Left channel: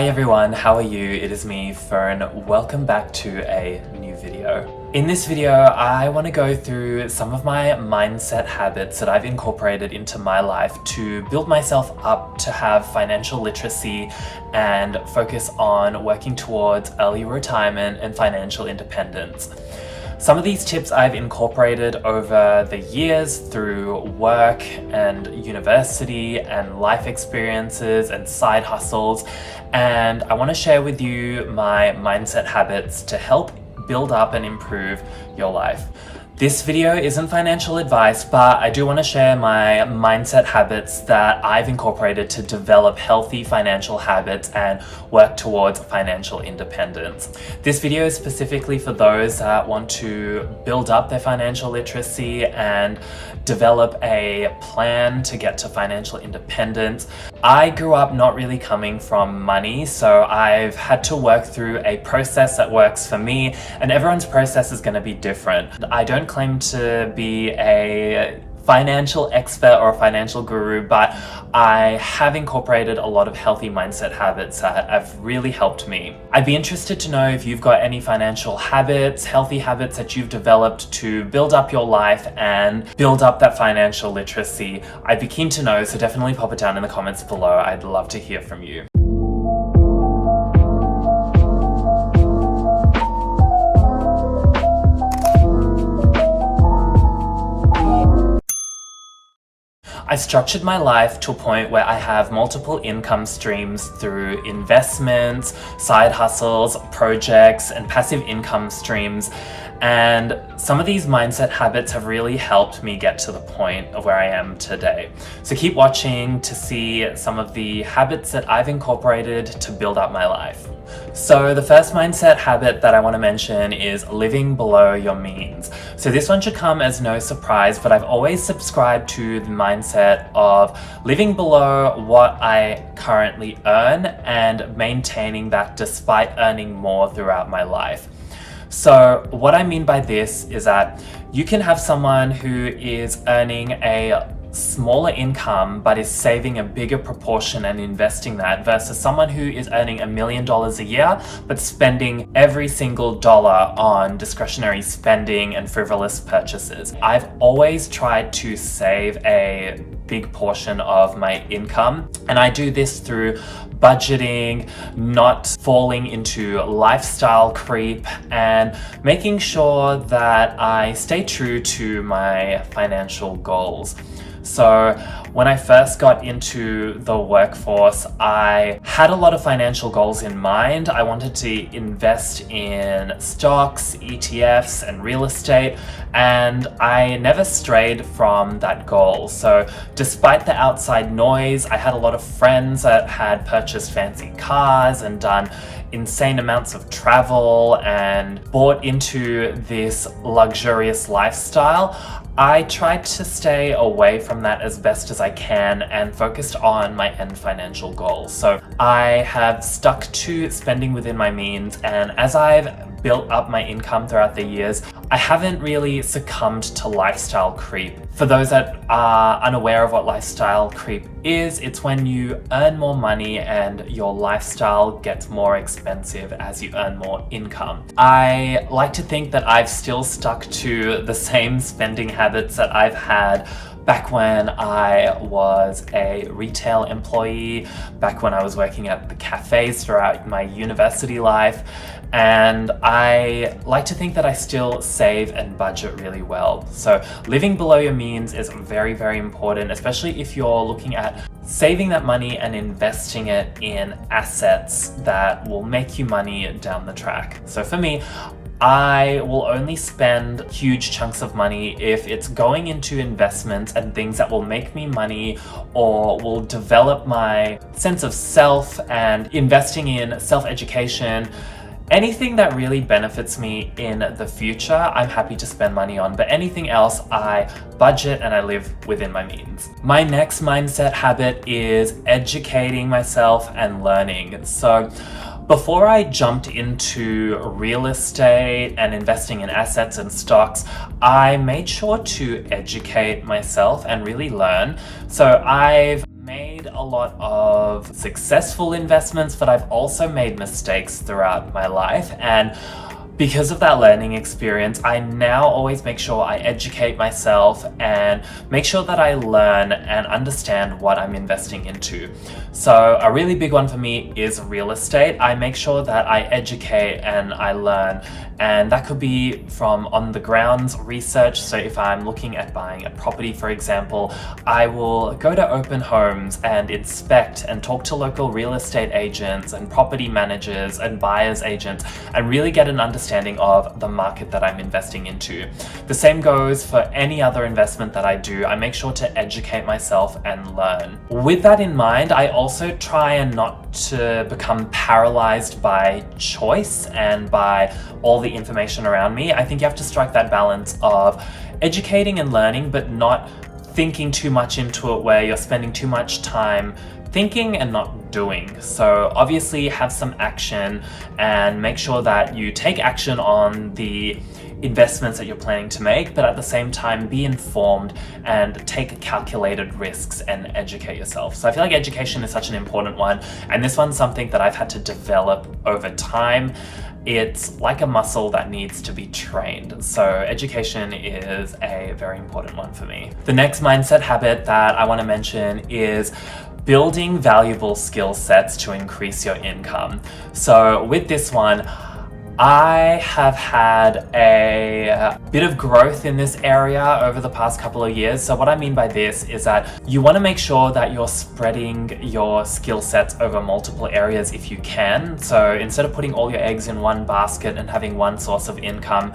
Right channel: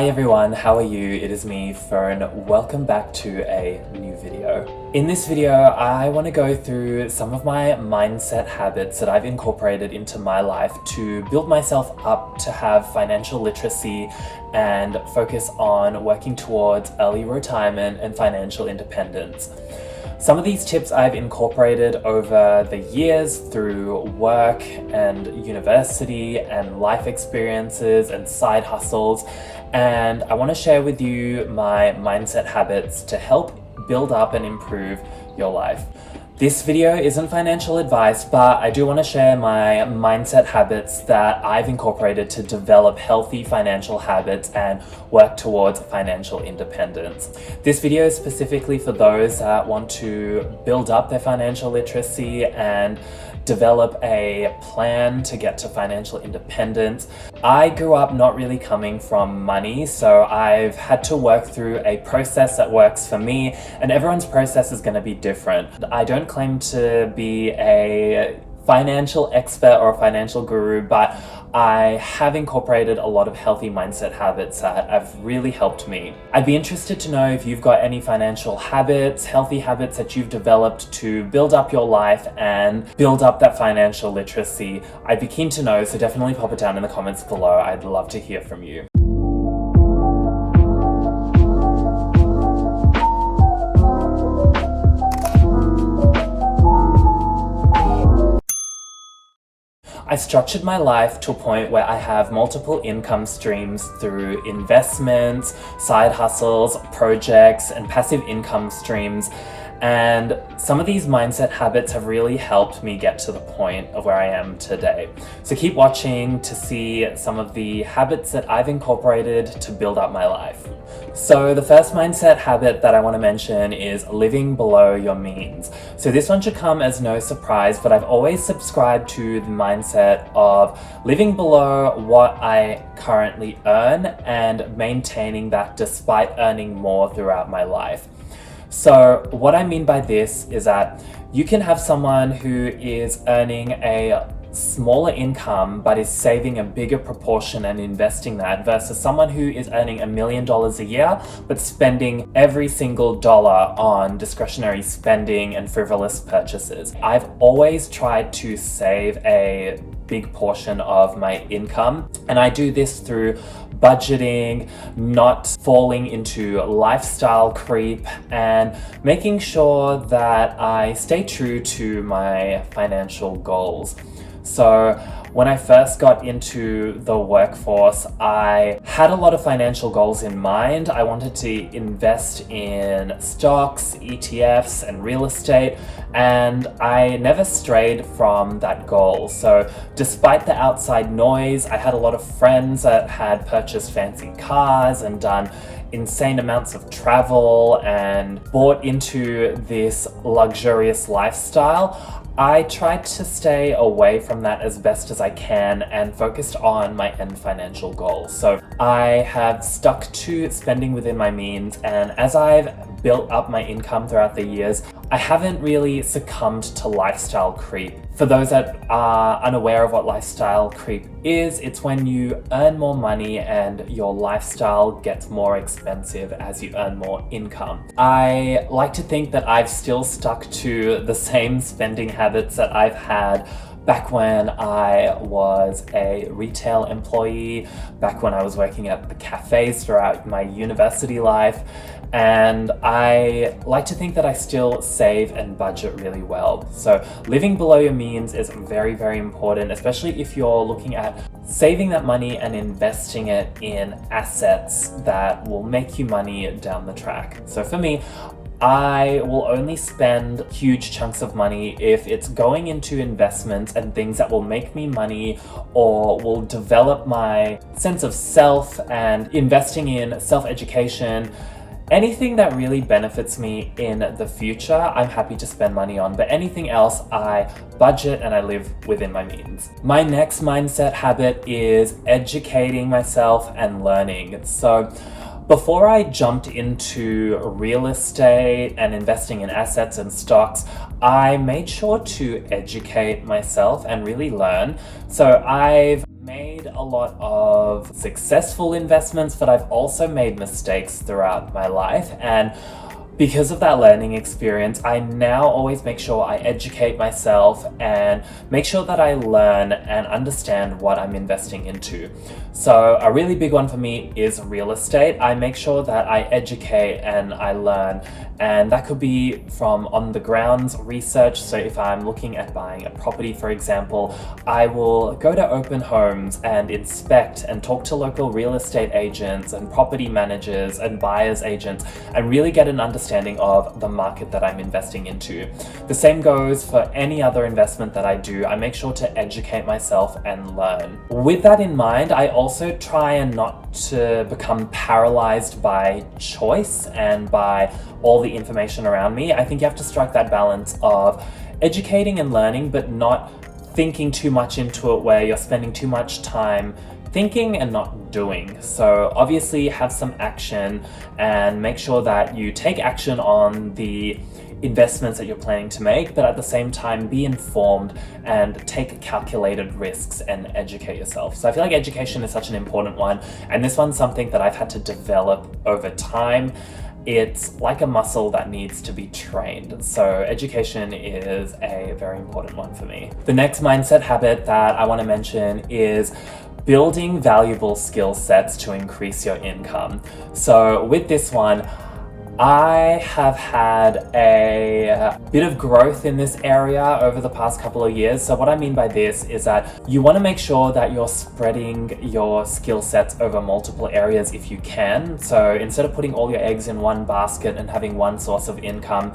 Hi everyone, how are you? It is me, Fern. Welcome back to a new video. In this video, I want to go through some of my mindset habits that I've incorporated into my life to build myself up to have financial literacy and focus on working towards early retirement and financial independence. Some of these tips I've incorporated over the years through work and university and life experiences and side hustles, and I want to share with you my mindset habits to help build up and improve your life. This video isn't financial advice, but I do want to share my mindset habits that I've incorporated to develop healthy financial habits and work towards financial independence. This video is specifically for those that want to build up their financial literacy and develop a plan to get to financial independence. I grew up not really coming from money, so I've had to work through a process that works for me, and everyone's process is going to be different. I don't claim to be a financial expert or a financial guru, but I have incorporated a lot of healthy mindset habits that have really helped me. I'd be interested to know if you've got any financial habits, healthy habits that you've developed to build up your life and build up that financial literacy. I'd be keen to know, so definitely pop it down in the comments below. I'd love to hear from you. I structured my life to a point where I have multiple income streams through investments, side hustles, projects, and passive income streams. And some of these mindset habits have really helped me get to the point of where I am today. So keep watching to see some of the habits that I've incorporated to build up my life. So the first mindset habit that I want to mention is living below your means. So this one should come as no surprise, but I've always subscribed to the mindset of living below what I currently earn and maintaining that despite earning more throughout my life. So what I mean by this is that you can have someone who is earning a smaller income but is saving a bigger proportion and investing that versus someone who is earning $1 million a year but spending every single dollar on discretionary spending and frivolous purchases. I've always tried to save a big portion of my income, and I do this through budgeting, not falling into lifestyle creep, and making sure that I stay true to my financial goals. So when I first got into the workforce, I had a lot of financial goals in mind. I wanted to invest in stocks, ETFs, and real estate, and I never strayed from that goal. So despite the outside noise, I had a lot of friends that had purchased fancy cars and done insane amounts of travel and bought into this luxurious lifestyle. I tried to stay away from that as best as I can and focused on my end financial goals. So I have stuck to spending within my means, and as I've built up my income throughout the years, I haven't really succumbed to lifestyle creep. For those that are unaware of what lifestyle creep is, it's when you earn more money and your lifestyle gets more expensive as you earn more income. I like to think that I've still stuck to the same spending habits that I've had back when I was a retail employee, back when I was working at the cafes throughout my university life, and I like to think that I still save and budget really well. So living below your means is very, very important, especially if you're looking at saving that money and investing it in assets that will make you money down the track. So for me, I will only spend huge chunks of money if it's going into investments and things that will make me money or will develop my sense of self, and investing in self-education. Anything that really benefits me in the future, I'm happy to spend money on, but anything else, I budget and I live within my means. My next mindset habit is educating myself and learning. So before I jumped into real estate and investing in assets and stocks, I made sure to educate myself and really learn. So I've made a a lot of successful investments, but I've also made mistakes throughout my life. And because of that learning experience, I now always make sure I educate myself and make sure that I learn and understand what I'm investing into. So a really big one for me is real estate. I make sure that I educate and I learn, and that could be from on the grounds research. So if I'm looking at buying a property, for example, I will go to open homes and inspect and talk to local real estate agents and property managers and buyers agents and really get an understanding of the market that I'm investing into. The same goes for any other investment that I do. I make sure to educate myself and learn. With that in mind, I also try and not to become paralyzed by choice and by all the information around me. I think you have to strike that balance of educating and learning, but not thinking too much into it where you're spending too much time thinking and not doing. So obviously have some action and make sure that you take action on the investments that you're planning to make, but at the same time be informed and take calculated risks and educate yourself. So I feel like education is such an important one, and this one's something that I've had to develop over time. It's like a muscle that needs to be trained. So education is a very important one for me. The next mindset habit that I want to mention is building valuable skill sets to increase your income. So with this one, I have had a bit of growth in this area over the past couple of years. So what I mean by this is that you want to make sure that you're spreading your skill sets over multiple areas if you can. So instead of putting all your eggs in one basket and having one source of income,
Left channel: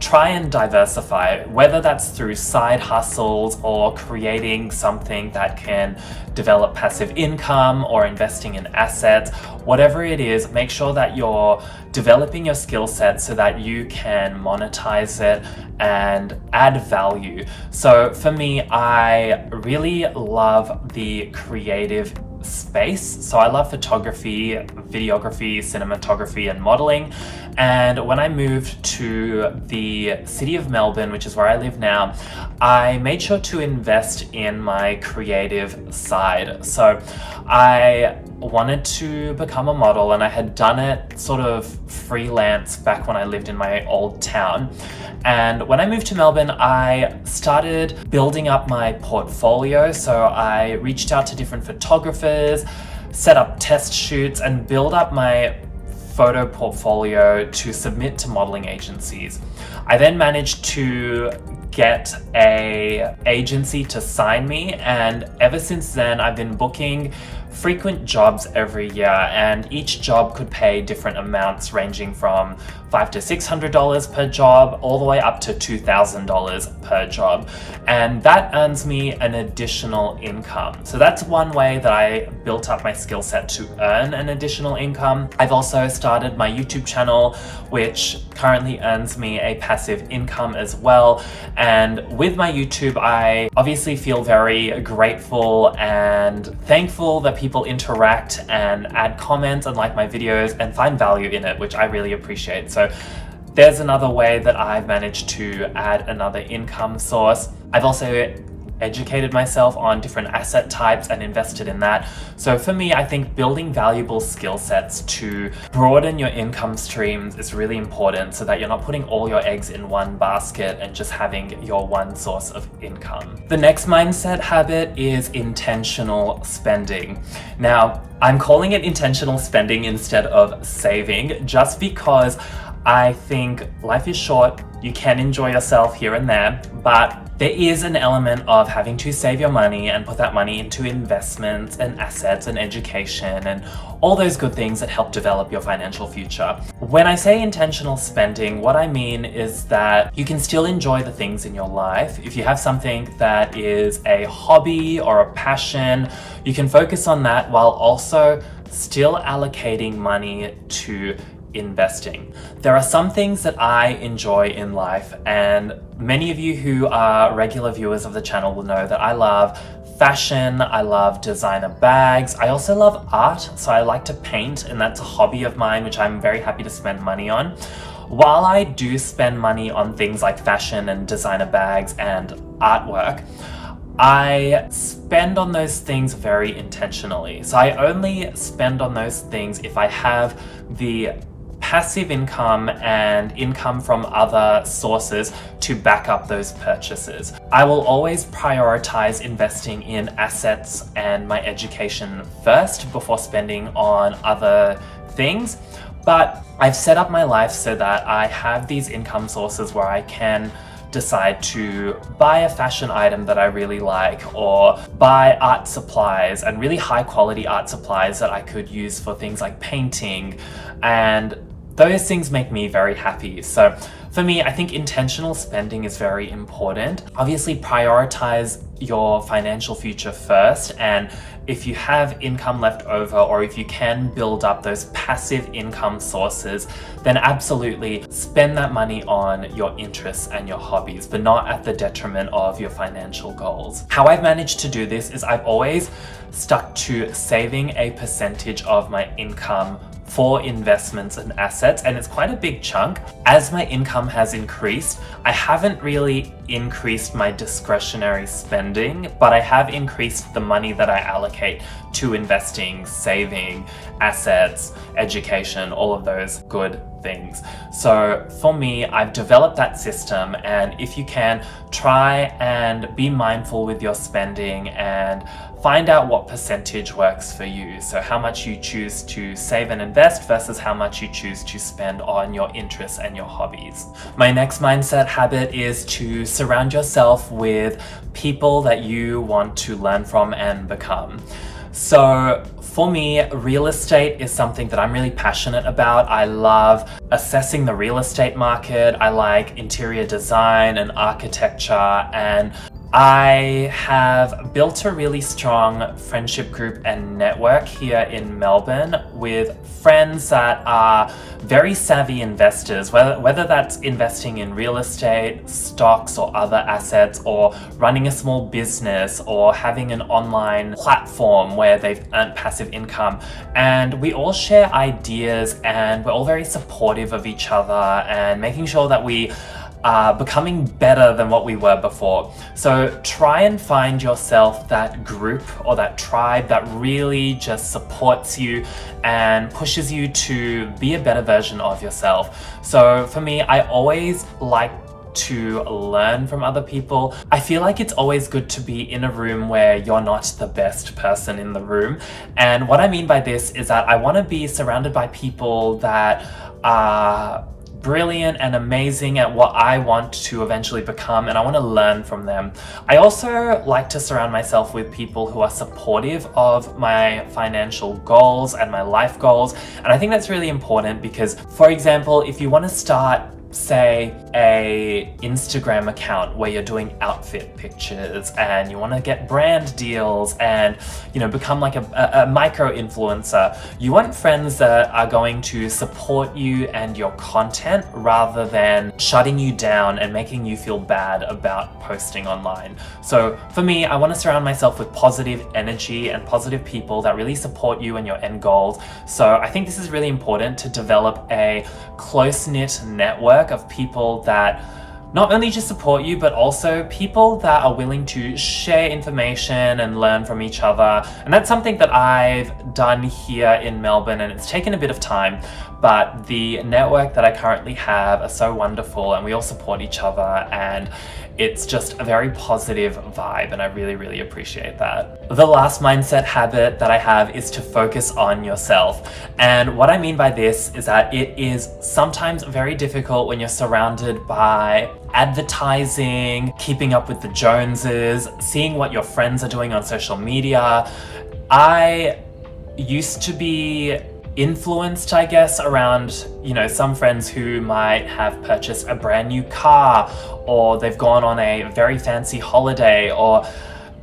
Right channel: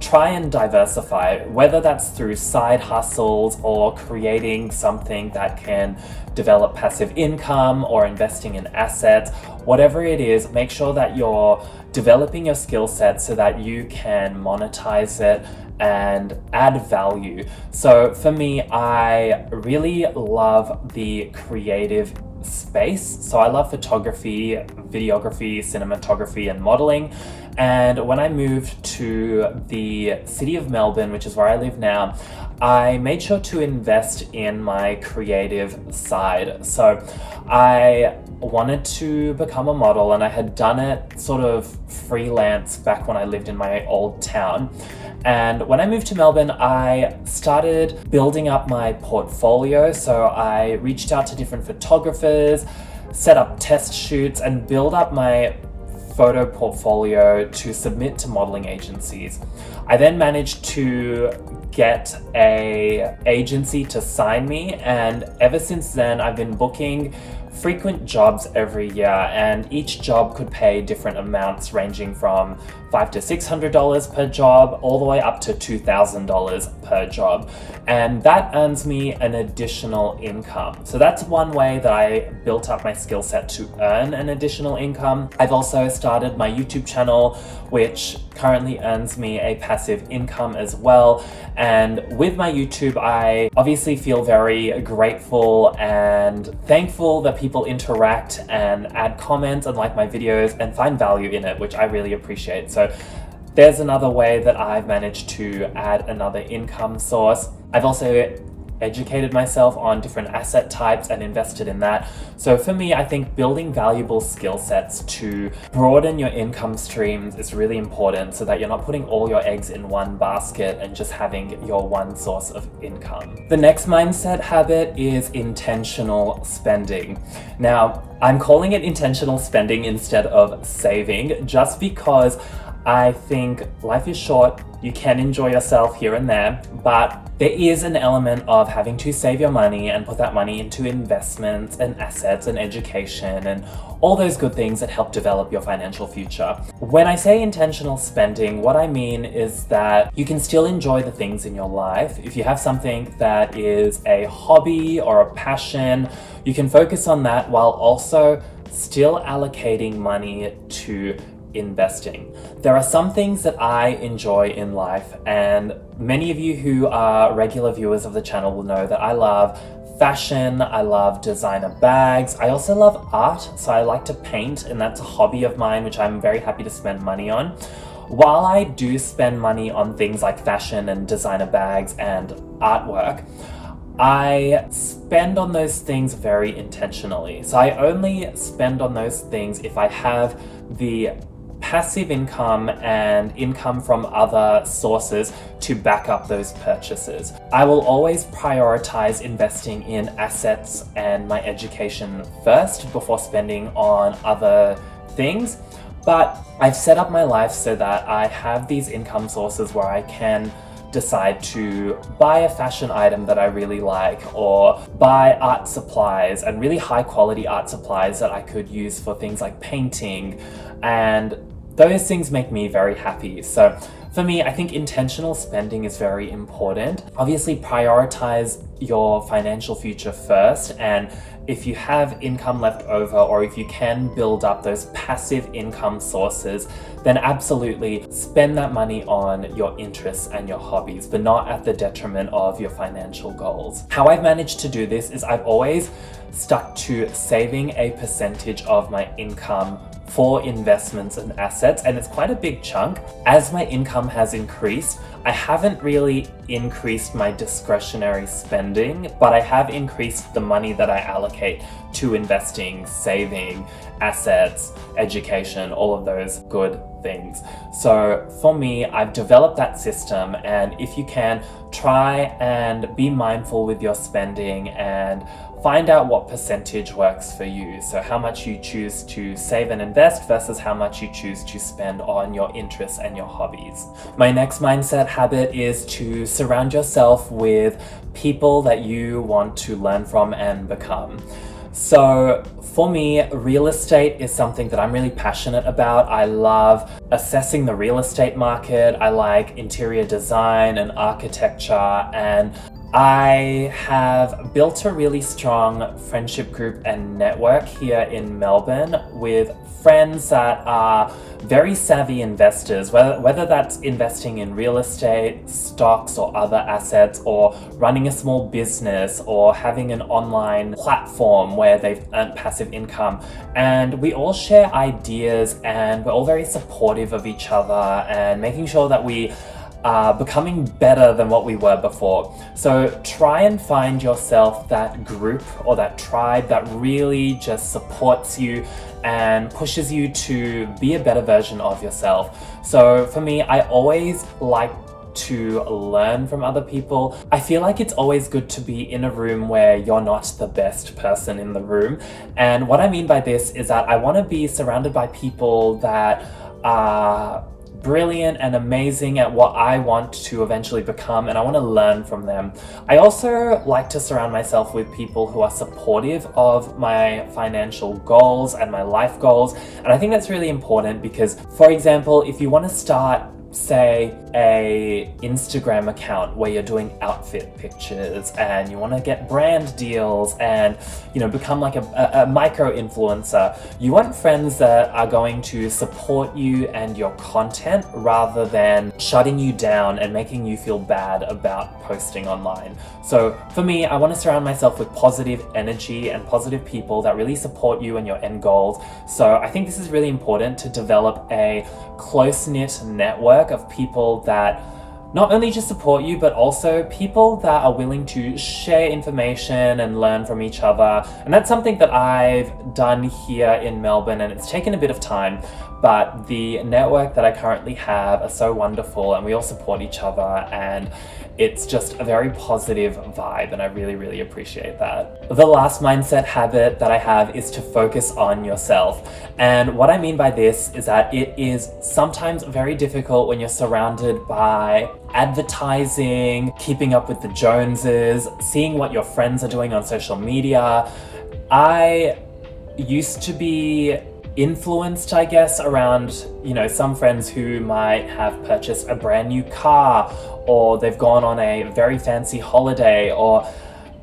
try and diversify, whether that's through side hustles or creating something that can develop passive income or investing in assets. Whatever it is, make sure that you're developing your skill set so that you can monetize it and add value. So for me, I really love the creative space. So I love photography, videography, cinematography, and modeling. And when I moved to the city of Melbourne, which is where I live now, I made sure to invest in my creative side. So I wanted to become a model, and I had done it sort of freelance back when I lived in my old town. And when I moved to Melbourne, I started building up my portfolio. So I reached out to different photographers, set up test shoots, and build up my photo portfolio to submit to modeling agencies. I then managed to get an agency to sign me, and ever since then I've been booking frequent jobs every year, and each job could pay different amounts ranging from $500 to $600 per job all the way up to $2,000 per job, and that earns me an additional income. So that's one way that I built up my skill set to earn an additional income. I've also started my YouTube channel, which currently earns me a passive income as well. And with my YouTube, I obviously feel very grateful and thankful that people interact and add comments and like my videos and find value in it, which I really appreciate. So there's another way that I've managed to add another income source. I've also educated myself on different asset types and invested in that. So for me, I think building valuable skill sets to broaden your income streams is really important so that you're not putting all your eggs in one basket and just having your one source of income. The next mindset habit is intentional spending. Now, I'm calling it intentional spending instead of saving, just because I think life is short. You can enjoy yourself here and there, but there is an element of having to save your money and put that money into investments and assets and education and all those good things that help develop your financial future. When I say intentional spending, what I mean is that you can still enjoy the things in your life. If you have something that is a hobby or a passion, you can focus on that while also still allocating money to investing. There are some things that I enjoy in life, and many of you who are regular viewers of the channel will know that I love fashion, I love designer bags, I also love art, so I like to paint, and that's a hobby of mine which I'm very happy to spend money on. While I do spend money on things like fashion and designer bags and artwork, I spend on those things very intentionally. So I only spend on those things if I have the passive income and income from other sources to back up those purchases. I will always prioritize investing in assets and my education first before spending on other things. But I've set up my life so that I have these income sources where I can decide to buy a fashion item that I really like, or buy art supplies, and really high quality art supplies that I could use for things like painting, and those things make me very happy. So for me, I think intentional spending is very important. Obviously, prioritize your financial future first, and if you have income left over, or if you can build up those passive income sources, then absolutely spend that money on your interests and your hobbies, but not at the detriment of your financial goals. How I've managed to do this is I've always stuck to saving a percentage of my income for investments and assets, and it's quite a big chunk. As my income has increased, I haven't really increased my discretionary spending, but I have increased the money that I allocate to investing, saving, assets, education, all of those good things. So for me, I've developed that system, and if you can, try and be mindful with your spending and find out what percentage works for you. So how much you choose to save and invest versus how much you choose to spend on your interests and your hobbies. My next mindset habit is to surround yourself with people that you want to learn from and become. So for me, real estate is something that I'm really passionate about. I love assessing the real estate market. I like interior design and architecture, and I have built a really strong friendship group and network here in Melbourne with friends that are very savvy investors, whether that's investing in real estate, stocks, or other assets, or running a small business, or having an online platform where they've earned passive income. And we all share ideas, and we're all very supportive of each other and making sure that we becoming better than what we were before. So try and find yourself that group or that tribe that really just supports you and pushes you to be a better version of yourself. So for me, I always like to learn from other people. I feel like it's always good to be in a room where you're not the best person in the room. And what I mean by this is that I want to be surrounded by people that are brilliant and amazing at what I want to eventually become, and I want to learn from them. I also like to surround myself with people who are supportive of my financial goals and my life goals, and I think that's really important because, for example, if you want to start, say, a Instagram account where you're doing outfit pictures and you want to get brand deals and, you know, become like a micro influencer, you want friends that are going to support you and your content rather than shutting you down and making you feel bad about posting online. So for me, I want to surround myself with positive energy and positive people that really support you and your end goals. So I think this is really important to develop a close-knit network of people that not only just support you, but also people that are willing to share information and learn from each other. And that's something that I've done here in Melbourne, and it's taken a bit of time, but the network that I currently have are so wonderful, and we all support each other, and it's just a very positive vibe, and I really, really appreciate that. The last mindset habit that I have is to focus on yourself. And what I mean by this is that it is sometimes very difficult when you're surrounded by advertising, keeping up with the Joneses, seeing what your friends are doing on social media. I used to be influenced, I guess, around, you know, some friends who might have purchased a brand new car, or they've gone on a very fancy holiday, or,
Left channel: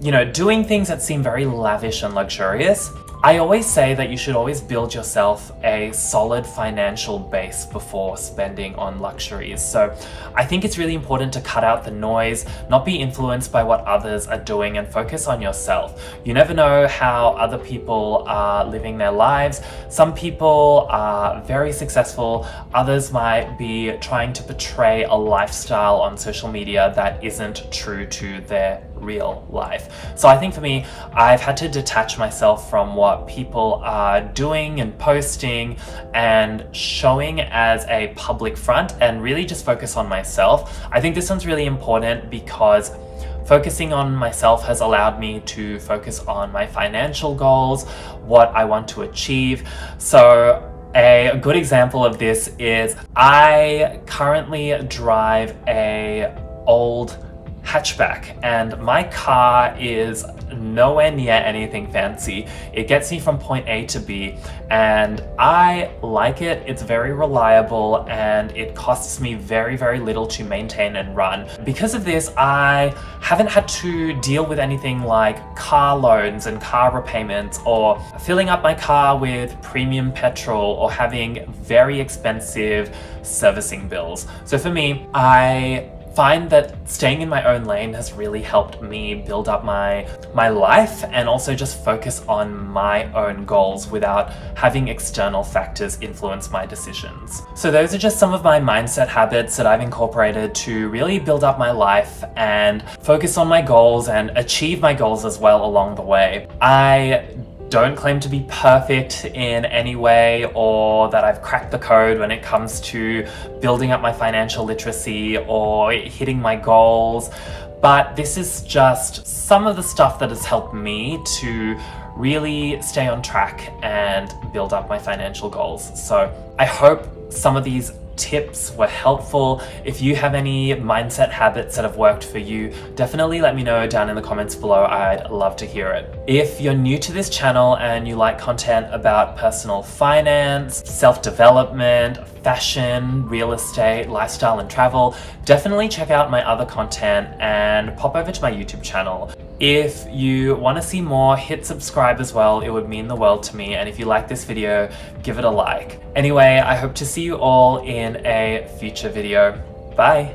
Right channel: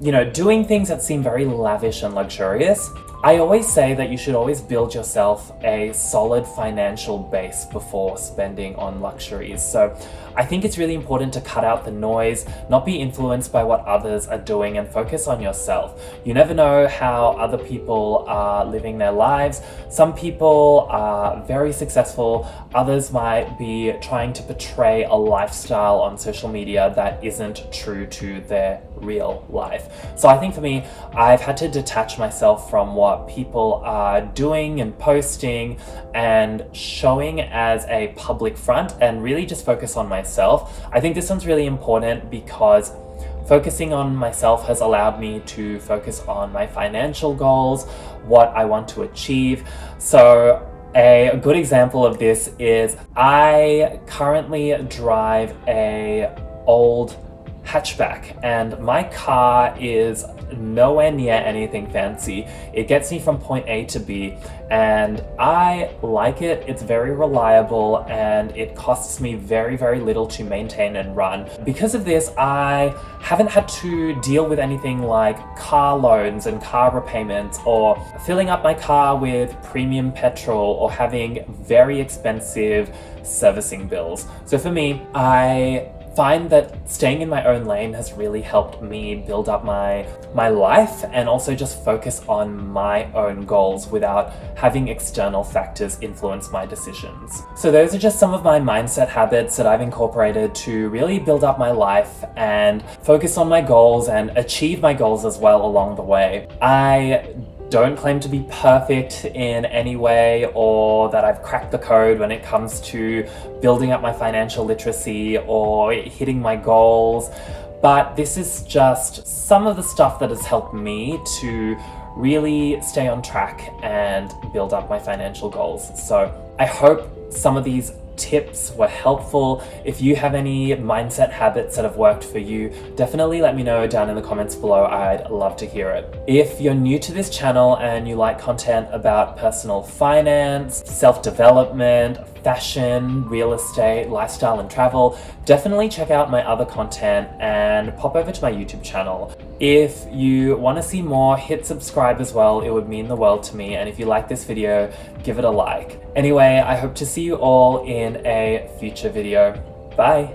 you know, doing things that seem very lavish and luxurious. I always say that you should always build yourself a solid financial base before spending on luxuries. So I think it's really important to cut out the noise, not be influenced by what others are doing, and focus on yourself. You never know how other people are living their lives. Some people are very successful, others might be trying to portray a lifestyle on social media that isn't true to their real life. So I think for me, I've had to detach myself from what people are doing and posting and showing as a public front and really just focus on myself. I think this one's really important because focusing on myself has allowed me to focus on my financial goals, what I want to achieve. So a good example of this is I currently drive a old hatchback and my car is nowhere near anything fancy. It gets me from point A to B and I like it. It's very reliable and it costs me very, very little to maintain and run. Because of this, I haven't had to deal with anything like car loans and car repayments or filling up my car with premium petrol or having very expensive servicing bills. So for me, I find that staying in my own lane has really helped me build up my life and also just focus on my own goals without having external factors influence my decisions. So those are just some of my mindset habits that I've incorporated to really build up my life and focus on my goals and achieve my goals as well along the way. I don't claim to be perfect in any way or that I've cracked the code when it comes to building up my financial literacy or hitting my goals, but this is just some of the stuff that has helped me to really stay on track and build up my financial goals. So I hope some of these tips were helpful. If you have any mindset habits that have worked for you, definitely let me know down in the comments below. I'd love to hear it. If you're new to this channel and you like content about personal finance, self-development, fashion, real estate, lifestyle, and travel, definitely check out my other content and pop over to my YouTube channel. If you want to see more, hit subscribe as well. It would mean the world to me. And if you like this video, give it a like. Anyway, I hope to see you all in a future video. Bye.